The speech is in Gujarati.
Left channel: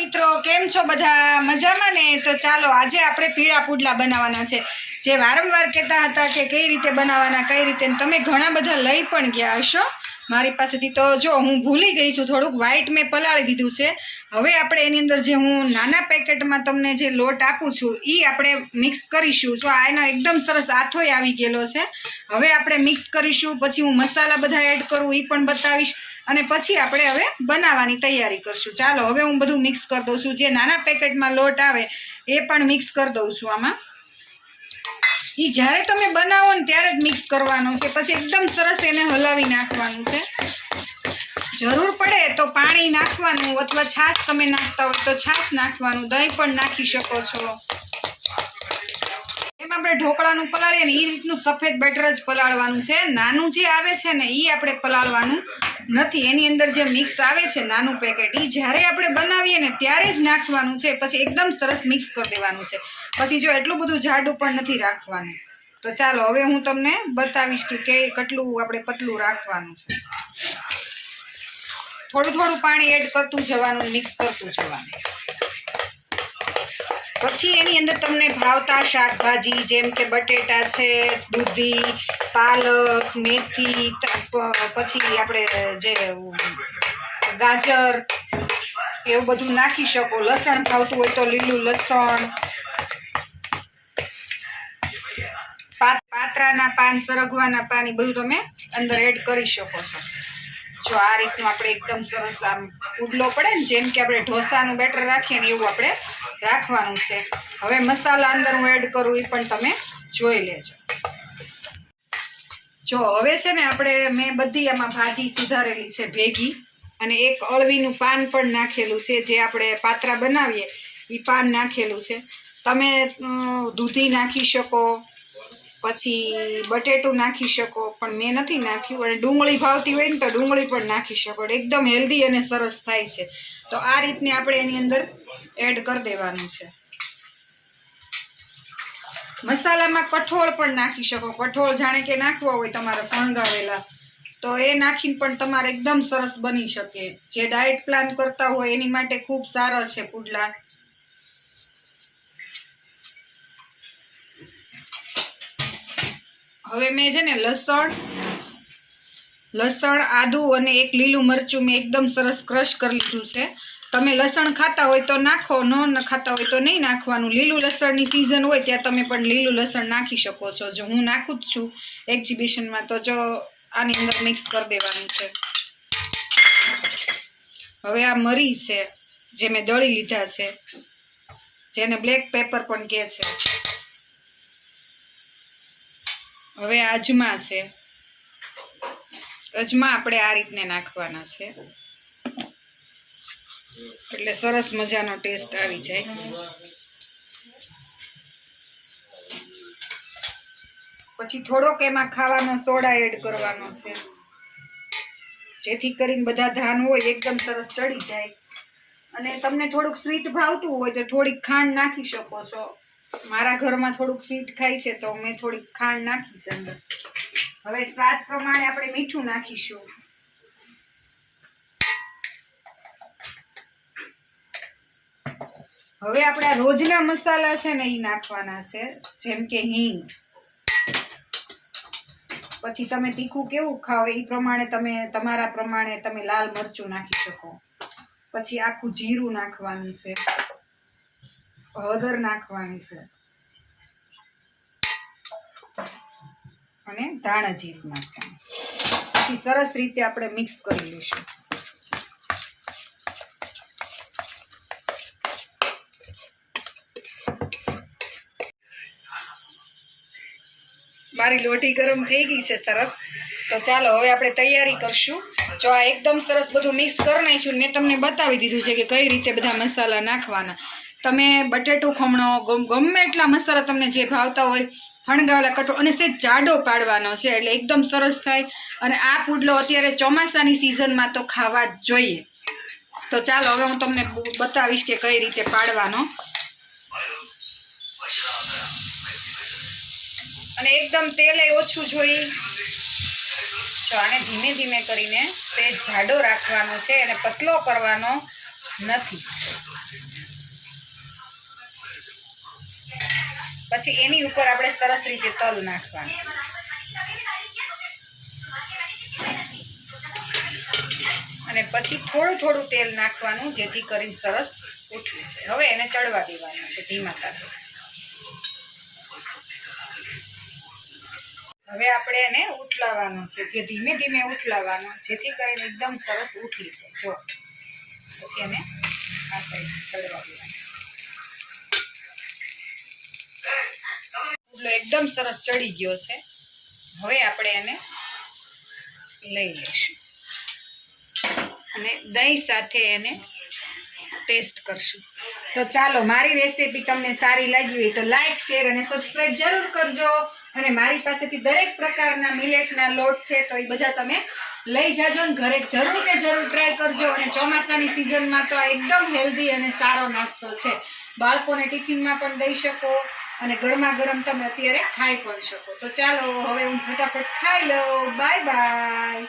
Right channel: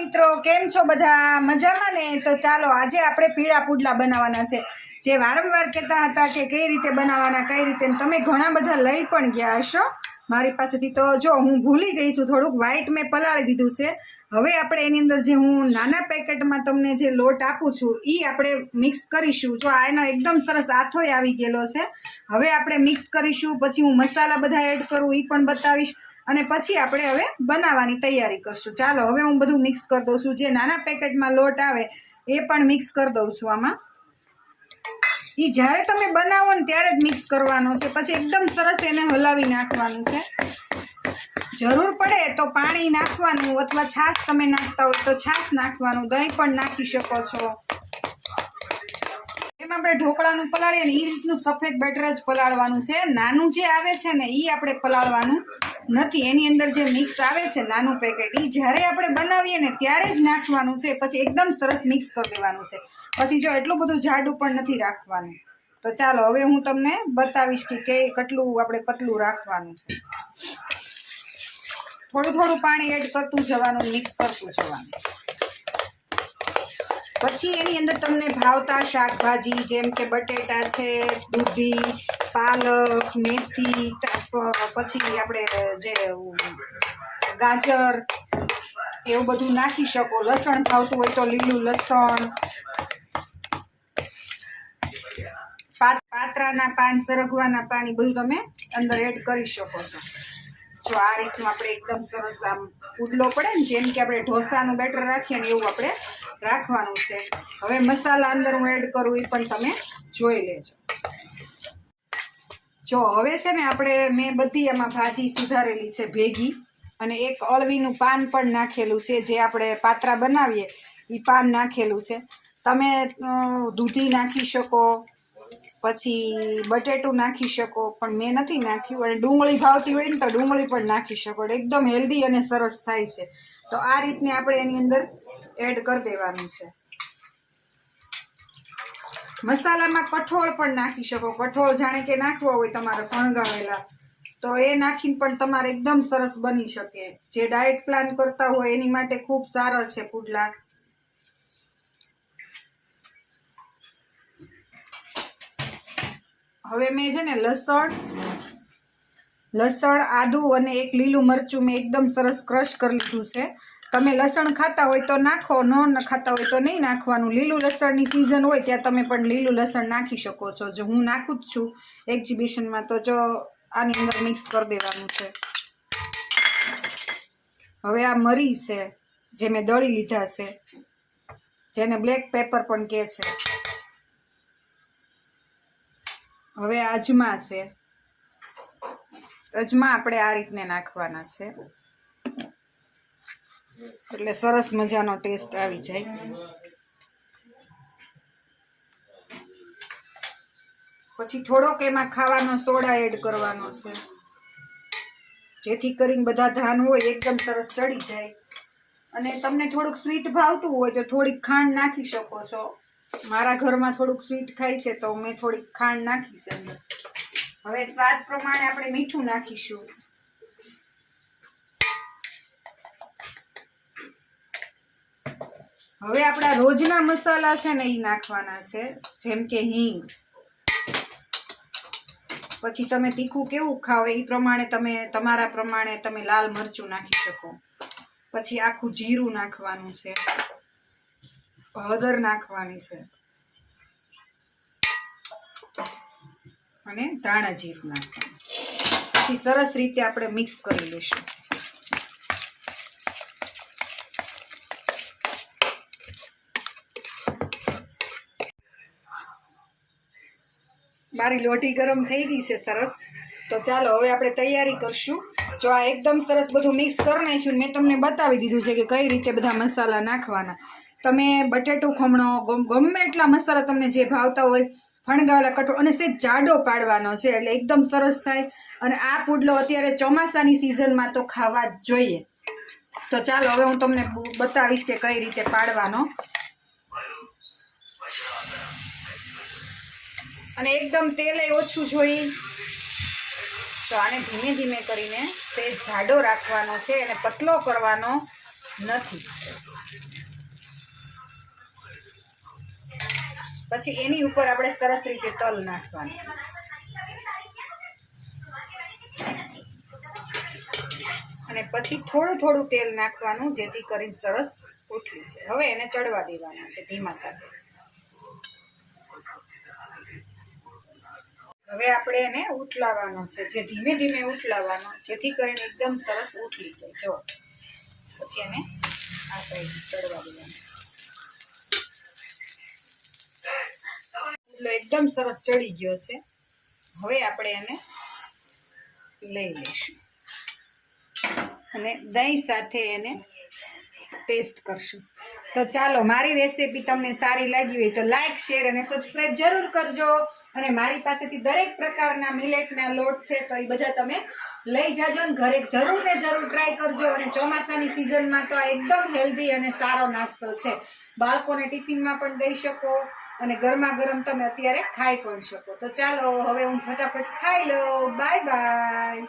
મિત્રો કેમ છો બધા મજામાં ને? તો ચાલો આજે આપણે પીળા પુડલા બનાવવાના છે, જે વારંવાર કહેતા હતા કે કઈ રીતે બનાવવાના કઈ રીતે. તમે ઘણા બધા લઈ પણ ગયા હશો મારી પાસેથી. તો જો હું ભૂલી ગઈ છું, થોડુંક વ્હાઈટ મેં પલાળી દીધું છે. હવે આપણે એની અંદર જે હું નાના પેકેટમાં તમને જે લોટ આપું છું એ આપણે મિક્સ કરીશું. જો આનો એકદમ સરસ આથોય આવી ગયેલો છે. હવે આપણે મિક્સ કરીશું, પછી હું મસાલા બધા એડ કરું એ પણ બતાવીશ, અને પછી આપણે હવે બનાવવાની તૈયારી કરશું. ચાલો હવે હું બધું મિક્સ કરી દઉં છું. જે નાના પેકેટમાં લોટ આવે એ પણ મિક્સ કરી દઉં છું આમાં. એ જ્યારે તમે બનાવો ને ત્યારે જ મિક્સ કરવાનો છે, પછી એકદમ સરસ એને હલાવી નાખવાનું છે. જરૂર પડે તો પાણી નાખવાનું, અથવા છાશ તમે નાખતા હોય તો છાશ નાખવાનું, દહીં પણ નાખી શકો છો. એમ આપણે ઢોકળાનું પલાળીએ ને એ રીતનું સફેદ બેટર જ પલાળવાનું છે. નાનું જે આવે છે ને એ આપણે પલાળવાનું નથી. એની અંદર જે મિક્સ આવે છે નાનું પેકેટ, એ જ્યારે આપણે બનાવીએ ને ત્યારે જ નાખવાનું છે. પછી એકદમ સરસ મિક્સ કરી દેવાનું છે. પછી જો એટલું બધું જાડું પણ નથી રાખવાનું. તો ચાલો હવે હું તમને બતાવીશ કે કેટલું આપણે પતલું રાખવાનું છે. થોડું થોડું પાણી એડ કરતું જવાનું, મિક્સ કરતું જવાનું. પછી એની અંદર તમને ભાવતા શાકભાજી જેમ કે બટેટા છે, દૂધી, પાલક, મેથી, પછી આપણે જે ગાજર એવું બધું નાખી શકો. લસણ ભાવતું હોય તો લીલું લસણ, પાત્રાના પાન, સરગવાના પાન, એ બધું તમે અંદર એડ કરી શકો છો. જો આ રીતનું આપણે એકદમ સરસ આમ પુડલો પડે ને, જેમ કે આપણે ઢોસાનું બેટર રાખીએ ને એવું આપણે રાખવાનું છે. હવે મસાલા અંદર હું એડ કરું એ પણ તમે જોઈ લેજો. જો હવે છે ને આપણે મેં બધી આમાં ભાજી સુધારેલી છે ભેગી, અને એક અળવીનું પાન પણ નાખેલું છે. જે આપણે પાત્રા બનાવીએ એ પાન નાખેલું છે. તમે દૂધી નાખી શકો, પછી બટેટું નાખી શકો, પણ મેં નથી નાખ્યું. અને ડુંગળી ભાવતી હોય ને તો ડુંગળી પણ નાખી શકો. એકદમ હેલ્ધી અને સરસ થાય છે. તો આ રીતને આપણે એની અંદર એડ કરી દેવાનું છે. મસાલામાં કઠોળ પણ નાખી શકો. કઠોળ જાણે કે નાખવા હોય તમારે ફણગાવેલા, તો એ નાખીને પણ તમારે એકદમ સરસ બની શકે. જે ડાયટ પ્લાન કરતા હોય એની માટે ખૂબ સારો છે પુડલા. હવે મેં છે ને લસણ, આદુ અને એક લીલું મરચું મેં એકદમ સરસ ક્રશ કરી લીધું છે. તમે લસણ ખાતા હોય તો નાખો, ન ખાતા હોય તો નહીં નાખવાનું. લીલું લસણની સિઝન હોય ત્યાં તમે પણ લીલું લસણ નાખી શકો છો. જો હું નાખું જ છું એક્ઝિબિશનમાં, તો જો આની અંદર મિક્સ કરી દેવાનું છે. હવે આ મરી છે જે મેં દળી લીધા છે, જેને બ્લેક પેપર પણ કહે છે. હવે અજમા છે. અજમા આપણે આ રીતને નાખવાના છે, એટલે સરસ મજાનો ટેસ્ટ આવી જાય. પછી થોડોક એમાં ખાવાનો સોડા એડ કરવાનો છે, જેથી કરીને બધા ધાન હોય એકદમ સરસ ચડી જાય. અને તમને થોડુંક સ્વીટ ભાવતું હોય તો થોડીક ખાંડ નાખી શકો છો. મારા ઘરમાં થોડુંક સ્વીટ ખાય છે તો મેં થોડીક ખાંડ નાખી છે અંદર. હવે સ્વાદ પ્રમાણે આપણે મીઠું નાખીશું. હવે આપણા રોજના મસાલા છે ને એ નાખવાના છે, જેમ કે હિંગ. પછી તમે તીખું કેવું ખાવ એ પ્રમાણે તમે તમારા પ્રમાણે તમે લાલ મરચું નાખી શકો. પછી આખું જીરું નાખવાનું છે, હળદર નાખવાની છે, અને ધાણા જીરું નાખવાનું. પછી સરસ રીતે આપણે મિક્સ કરી લઈશું. મારી લોટી ગરમ થઈ ગઈ છે સરસ. તો ચાલો હવે આપણે તૈયારી કરશું. જો આ એકદમ સરસ બધું મિક્સ કરી નાખ્યું, મેં તમને બતાવી દીધું છે કે કઈ રીતે બધા મસાલા નાખવાના. તમે બટેટું ખમણો, ગમે એટલા મસાલા તમને જે ભાવતા હોય, ફણગાવેલા કઠોળ, અને સેજ જાડો પાડવાનો છે એટલે એકદમ સરસ થાય. અને આ પુડલો અત્યારે ચોમાસાની સિઝનમાં તો ખાવા જ જોઈએ. તો ચાલો હવે હું તમને બતાવીશ કે કઈ રીતે પાડવાનો. અને એકદમ તેલે ઓછું જોઈ. તો આને ધીમે ધીમે કરીને તે જાડો રાખવાનો છે, અને પતલો કરવાનો નથી. પછી એની ઉપર આપણે સરસ રીતે તલ નાખવાનું અને પછી થોડું થોડું તેલ નાખવાનું જેથી કરીને સરસ ઉઠવી જાય. હવે એને ચડવા દેવાનું છે ધીમા તાપે. હવે આપણે એને ઉઠલાવવાનો છે, જે ધીમે ધીમે ઉઠલાવવાનો જેથી કરીને એકદમ સરસ ઉઠી જાય. જો પછી એને આ સાઈડ ચડવા દેવાનો. પુડલો એકદમ સરસ ચડી ગયો છે. હવે આપણે એને લઈ લઈશું અને દહીં સાથે એને ટેસ્ટ કરશું. તો ચાલો, મારી રેસીપી તમને સારી લાગી હોય તો લાઈક, શેર અને સબસ્ક્રાઈબ જરૂર કરજો. અને મારી પાસેથી દરેક પ્રકારના મિલેટના લોટ છે તો એ બધા તમે લઈ જાજો ને ઘરે જરૂર ને જરૂર ટ્રાય કરજો. અને ચોમાસાની સિઝનમાં તો એકદમ હેલ્ધી અને સારો નાસ્તો છે. બાળકોને ટિફિનમાં પણ દઈ શકો અને ગરમા ગરમ તમે અત્યારે ખાઈ પણ શકો. તો ચાલો, હવે હું ફટાફટ ખાઈ લઉં. Bye bye.